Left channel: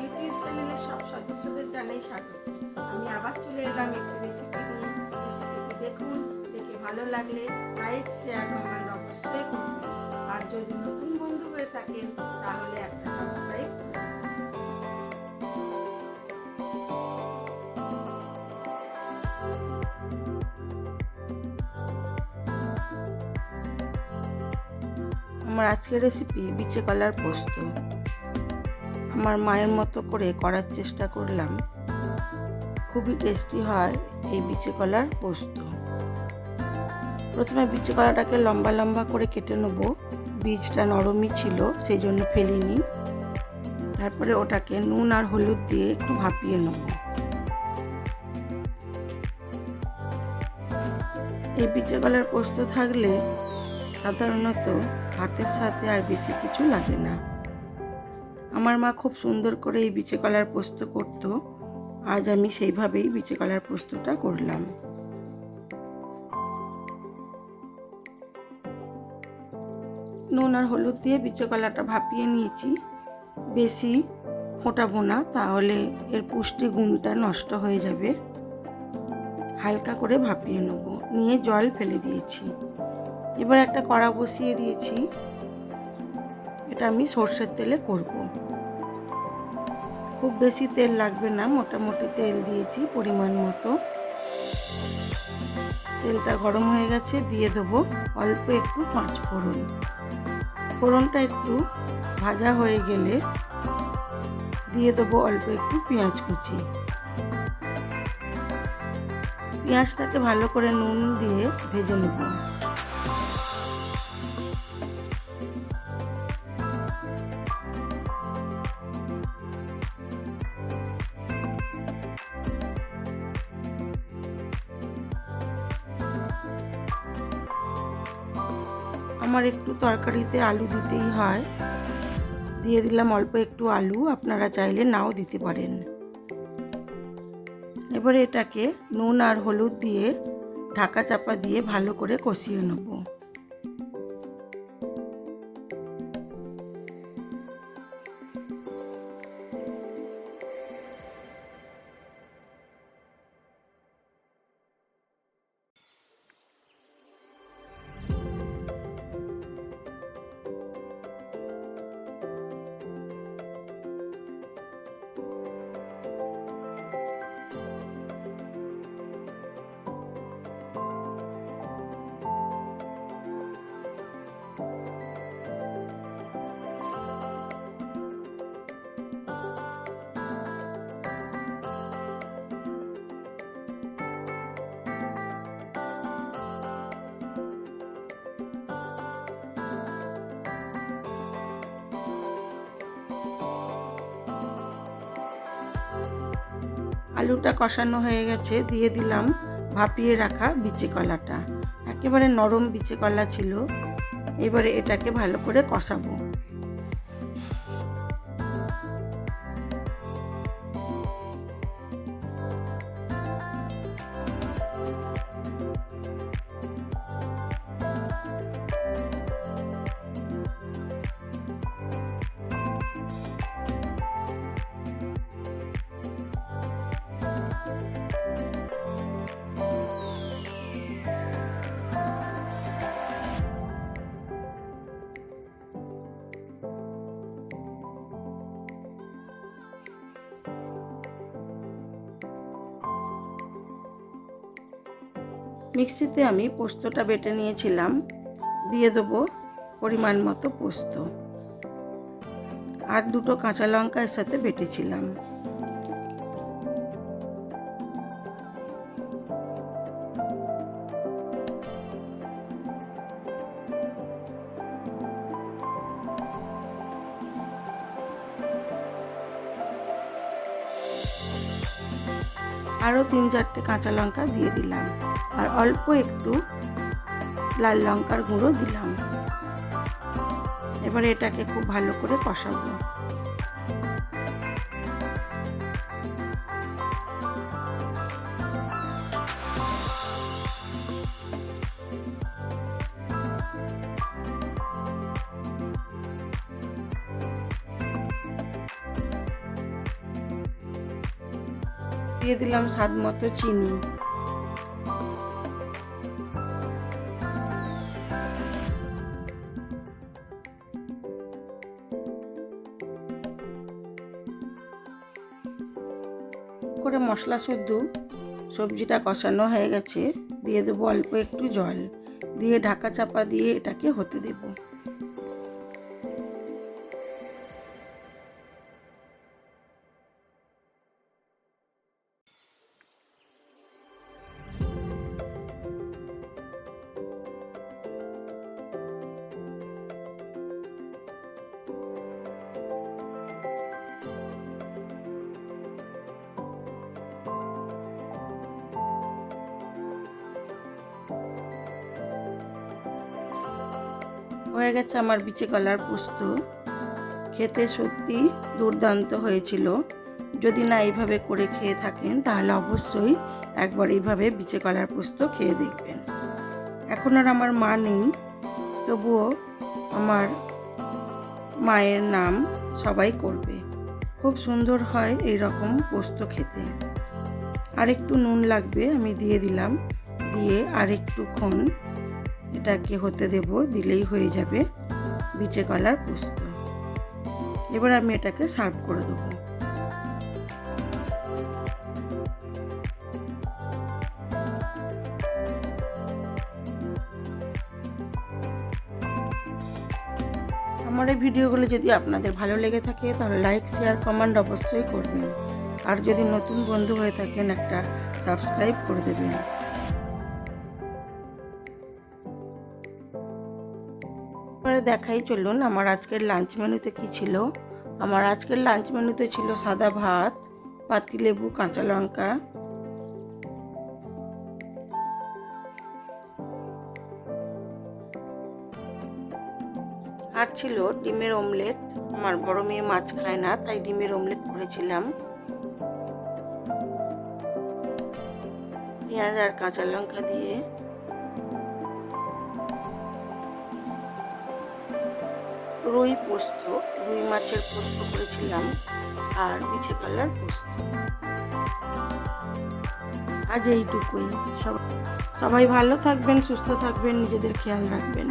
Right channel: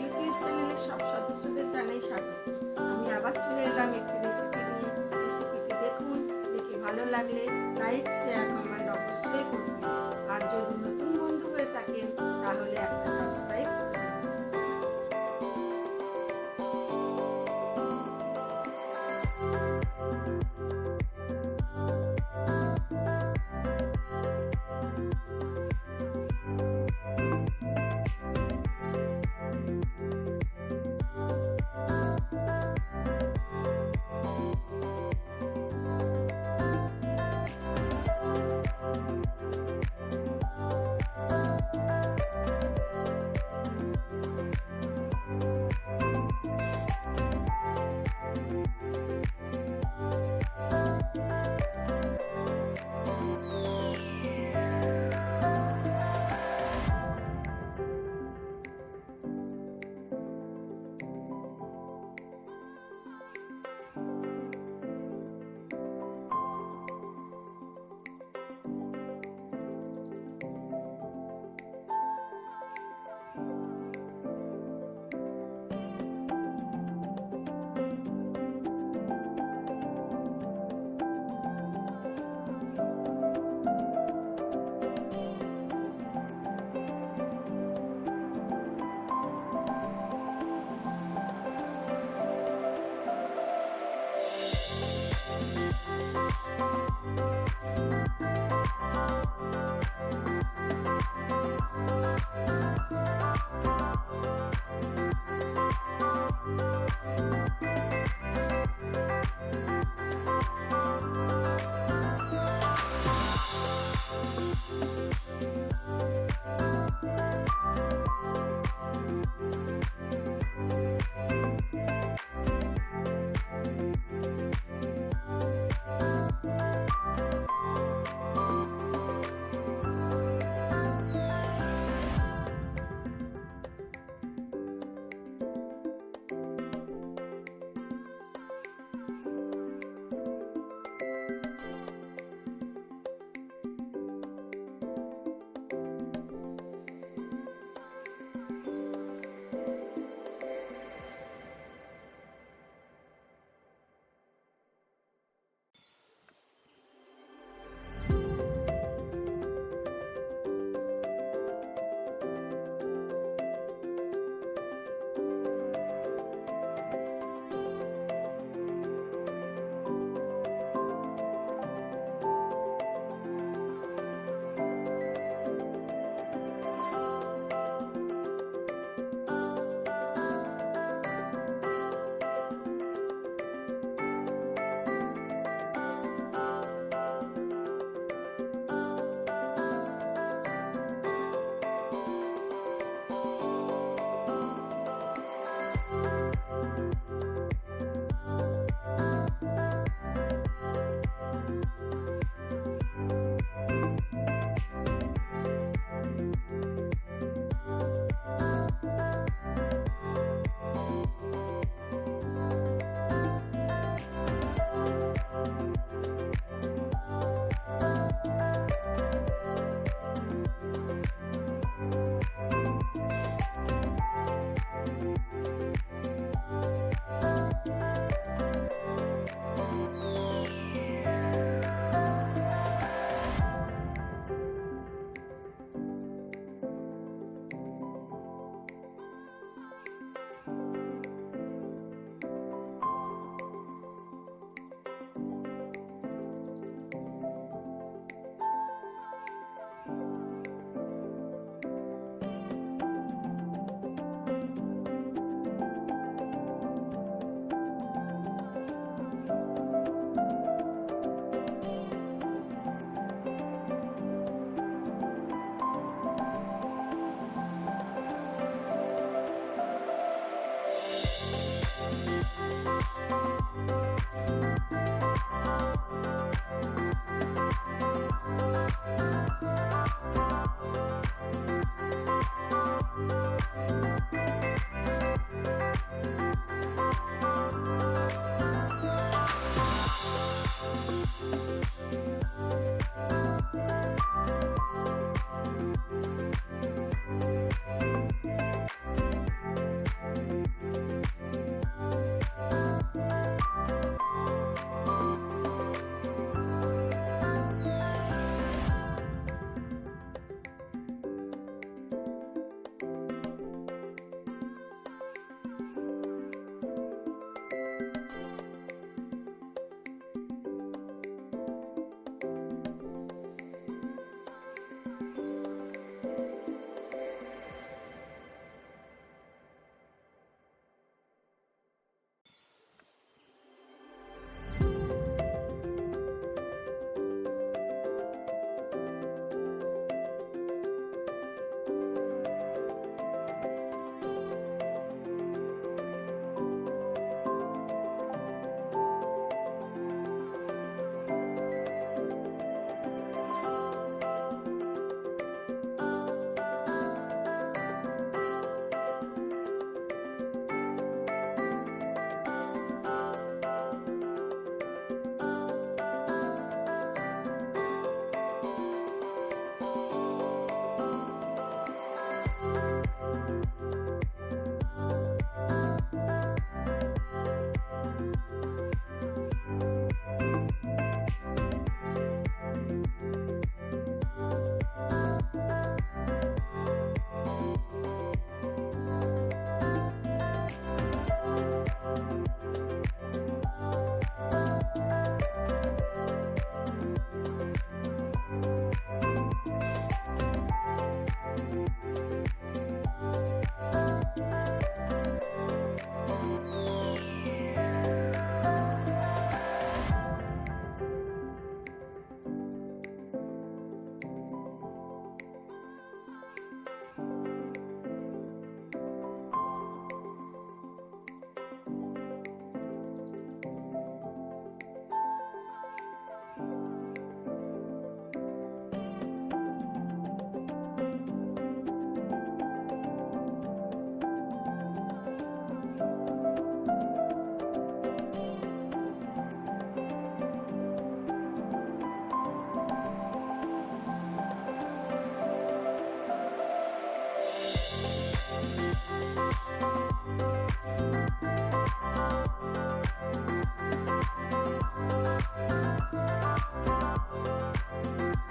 YouTube চ্যানেলের সব সদস্যদের জানাই স্বাগত। আমি আবার চলে এলাম একটি রেসিপি নিয়ে। রেসিপিটি দেখুন, দেখে ভালো লাগলে লাইক শেয়ার কমেন্ট অবশ্যই করবেন। আর যদি নতুন বন্ধু হয়ে থাকেন, তাহলে একটা সাবস্ক্রাইব করে আমার আজকের রেসিপি বিচে কলার পোস্ত। আমার মায়ের মতো করে করার চেষ্টা করলাম। খুবই টেস্টি হয় এই বিচে কলার পোস্ত। প্রথমে বিচে কলাটাকে লম্বা লম্বা করে কেটে নেব। বীজটা নরমই ছিল, সেই জন্য ফেলিনি। তারপরে ওটাকে নুন আর হলুদ দিয়ে একটু ভাপিয়ে নেব। এই বিচে কলার পোস্ত থাকলে সাধারণত ভাতের সাথে আর বেশি কিছু লাগে না। আমার মা খুব সুন্দর করে এই বিচে কলার পোস্ত করতো। আজ আমি সেইভাবেই বিচে কলার পোস্তটা করলাম। নুন আর হলুদ দিয়ে বিচে কলাটা ভাপিয়ে নিয়েছি। বেশি ফোটাবো না, তাহলে এর পুষ্টি গুণটা নষ্ট হয়ে যাবে। হালকা করে ভাপিয়ে নেব। নিয়ে জল ফেলে দিয়েছি। এবার একটা কড়া বসিয়ে দিয়েছি। এটা আমি সর্ষের তেলে করব। খুব বেশি তেল লাগবে না, মোটামুটি তেল দিয়েছি পরিমাণ মতো। তেলটা গরম হয়ে গেছে, দিয়ে দেবো অল্প একটু পাঁচ ফোড়ন। ফোড়নটা একটু ভাজা হয়ে গেলে দিয়ে দেবো অল্প একটু পেঁয়াজ কুচি। পেঁয়াজটাকে ভালো করে নুন দিয়ে ভেজে নেব। আমার একটু তরকারিতে আলু দিতেই হয়। দিয়ে দিলাম অল্প একটু আলু, আপনারা চাইলে নাও দিতে পারেন। এবারে এটাকে নুন আর হলুদ দিয়ে ঢাকা চাপা দিয়ে ভালো করে কষিয়ে নেব। আলুটা কষানো হয়ে গেছে, দিয়ে দিলাম ভাপিয়ে রাখা বিচি কলাটা। একেবারে নরম বিচি কলা ছিল। এবারে এটাকে ভালো করে কষাবো। মিক্সিতে আমি পোস্তটা বেটে নিয়েছিলাম। দিয়ে দেবো পরিমাণ মতো পোস্ত। আর দুটো কাঁচা লঙ্কা এর সাথে বেটেছিলাম। আরও তিন চারটে কাঁচা লঙ্কা দিয়ে দিলাম। আর অল্প একটু লাল লঙ্কার গুঁড়ো দিলাম। এবার এটাকে খুব ভালো করে কষাবো। দিয়ে দিলাম স্বাদ মতো চিনি। করে মশলা শুদ্ধ সবজিটা কষানো হয়ে গেছে, দিয়ে দেবো অল্প একটু জল, দিয়ে ঢাকা চাপা দিয়ে এটাকে হতে দেবো। হয়ে গেছে আমার বিচে কলার পোস্ত। খেতে সত্যি দুর্দান্ত হয়েছিল। যদি না এইভাবে করে খেয়ে থাকেন, তাহলে অবশ্যই একবার এইভাবে বিচে কলার পোস্ত খেয়ে দেখবেন। এখন আর আমার মা নেই, তবুও আমার মায়ের নাম সবাই করবে। খুব সুন্দর হয় এই রকম পোস্ত খেতে। আর একটু নুন লাগবে, আমি দিয়ে দিলাম। দিয়ে আর একটুক্ষণ এটাকে হতে দেব, দিলেই হয়ে যাবে বিচে কলার পোস্ত। এবার আমি এটাকে সার্ভ করে দেবো। আমার এই ভিডিওগুলো যদি আপনাদের ভালো লেগে থাকে, তাহলে লাইক, শেয়ার, কমেন্ট অবশ্যই করবেন। আর যদি নতুন বন্ধু হয়ে থাকেন, একটা সাবস্ক্রাইব করে দেবেন। দেখাই চলুন আমার আজকের লাঞ্চ মেনুতে কি ছিল। আমার আজকের লাঞ্চ মেনুতে ছিল সাদা ভাত পাতিলেবু কাঁচা লঙ্কা। আর ছিল ডিমের অমলেট আমার বড় মেয়ে মাছ খায় না, তাই ডিমের অমলেট করেছিলাম। পেঁয়াজ আর কাঁচা লঙ্কা দিয়ে। রুই পোস্ত, রুই মাছের পোস্ত করেছিলাম আর পিছে কালার পোস্ত। আজ এইটুকুই। সব সবাই ভালো থাকবেন, সুস্থ থাকবেন, নিজেদের খেয়াল রাখবেন।